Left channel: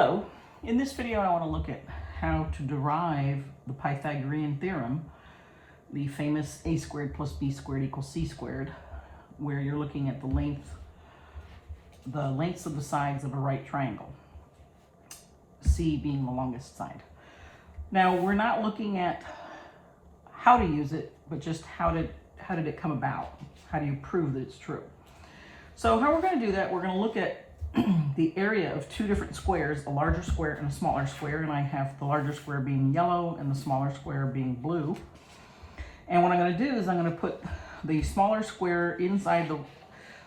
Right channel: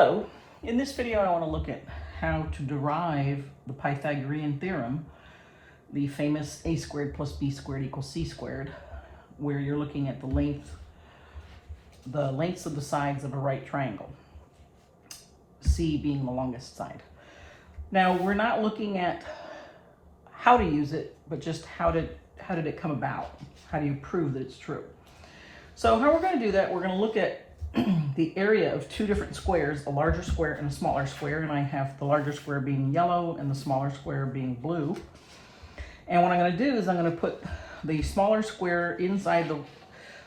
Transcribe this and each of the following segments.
Hello, in this video I want to look at how to derive the Pythagorean theorem, the famous a squared plus b squared equals c squared, where you're looking at the lengths of the sides of a right triangle, c being the longest side. Now we're not looking at how to use it, but just how did it come about? How do you prove that it's true? So how we're going to do that, we're going to look at the area of two different squares, a larger square and a smaller square, and I have the larger square being yellow and the smaller square being blue. And what I'm going to do is I'm going to put the smaller square inside the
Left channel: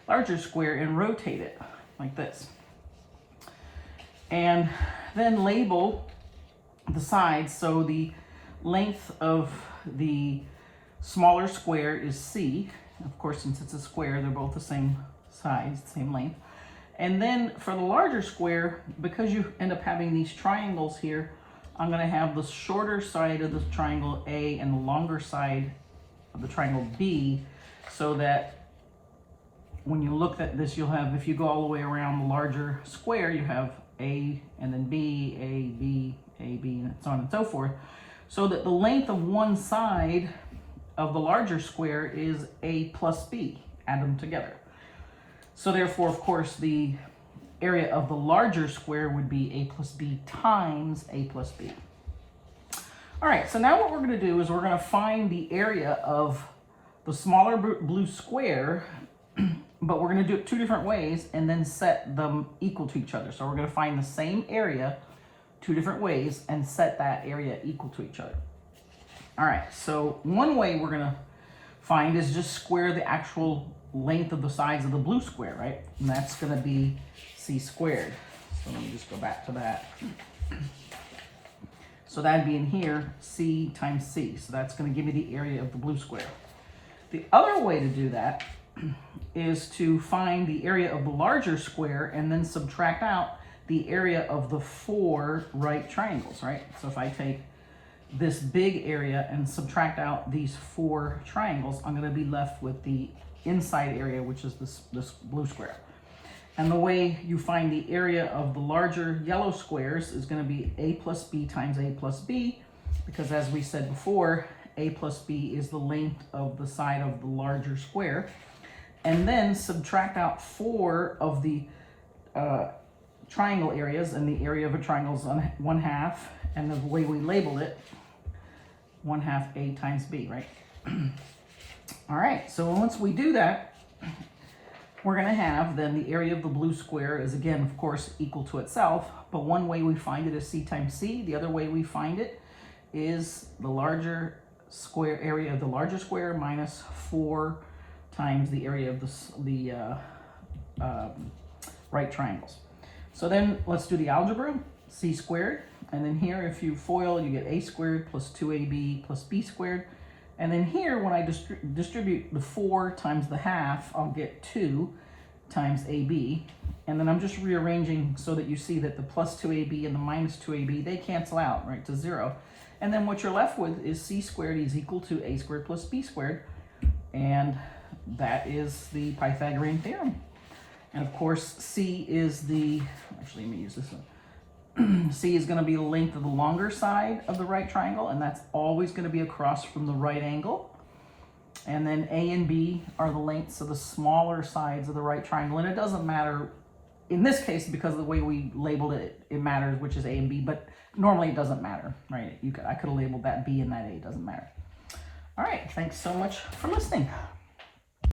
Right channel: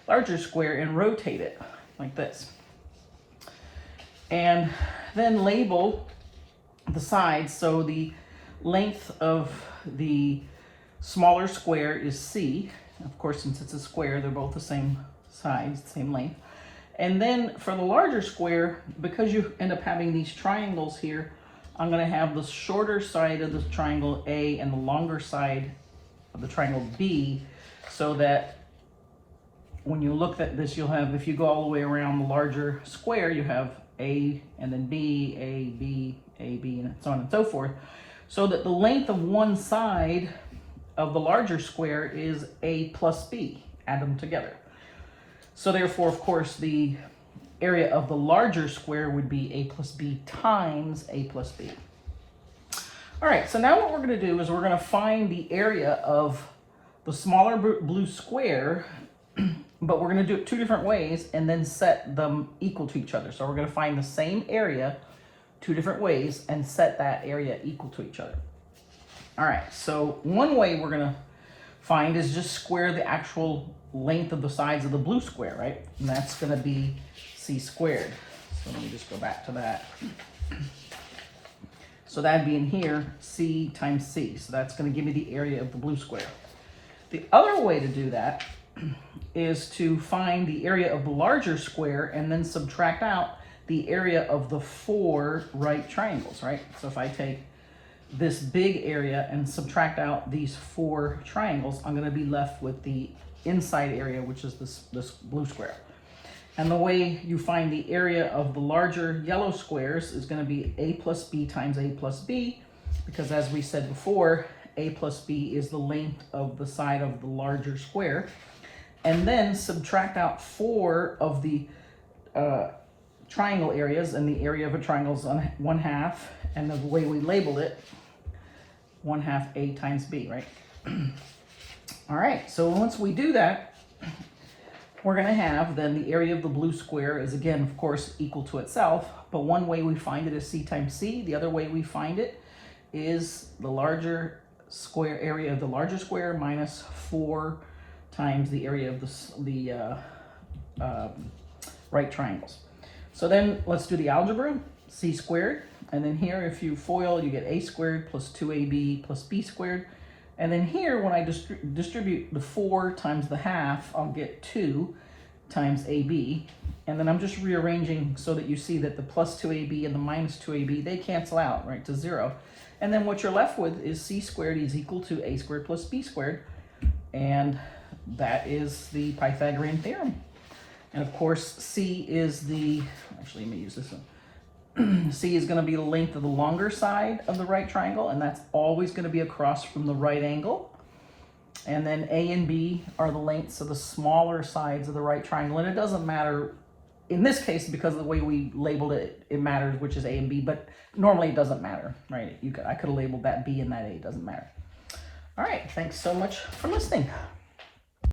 larger square and rotate it like this. And then label the sides. So the length of the smaller square is C. Of course, since it's a square, they're both the same size, same length. And then for the larger square, because you end up having these triangles here, I'm going to have the shorter side of the triangle A and the longer side of the triangle B, so that when you look at this, you'll have, if you go all the way around the larger square, you have A and then B, A, B, A, B, and so on and so forth, so that the length of one side of the larger square is A plus B. Add them together. So therefore, of course, the area of the larger square would be A plus B times A plus B. All right, so now what we're going to do is we're going to find the area of the smaller blue square, but we're going to do it two different ways and then set them equal to each other. So we're going to find the same area two different ways and set that area equal to each other. All right, so one way we're going to find is just square the actual length of the sides of the blue square, right? And that's going to be c squared. So let me just go back to that. So that'd be in here, c times c. So that's going to give me the area of the blue square. The other way to do that is to find the area of the larger square and then subtract out the area of the four right triangles, right? So if I take this big area and subtract out these four triangles, I'm going to be left with the inside area, which is this blue square. And the way you find the area of the larger yellow squares is going to be A plus B times A plus B, because as we said before, A plus B is the length of the side of the larger square. And then subtract out four of the triangle areas, and the area of a triangle is 1/2, and the way we labeled it, 1/2 A times B, right? All right, so once we do that, we're going to have then the area of the blue square is, again, of course, equal to itself, but one way we find it is C times C. The other way we find it is the larger square area of the larger square minus 4 times the area of the right triangles. So then let's do the algebra. C squared, and then here if you FOIL, you get A squared plus 2AB plus B squared. And then here, when I distribute the 4 times the half, I'll get 2 times AB. And then I'm just rearranging so that you see that the plus 2AB and the minus 2AB, they cancel out, right, to 0. And then what you're left with is C squared is equal to A squared plus B squared. And that is the Pythagorean theorem. And of course, C is the, actually, let me use this one. C is going to be the length of the longer side of the right triangle, and that's always going to be across from the right angle. And then A and B are the lengths of the smaller sides of the right triangle. And it doesn't matter, in this case, because of the way we labeled it, it matters which is A and B, but normally it doesn't matter, right? I could have labeled that B and that A, it doesn't matter. All right, thanks so much for listening.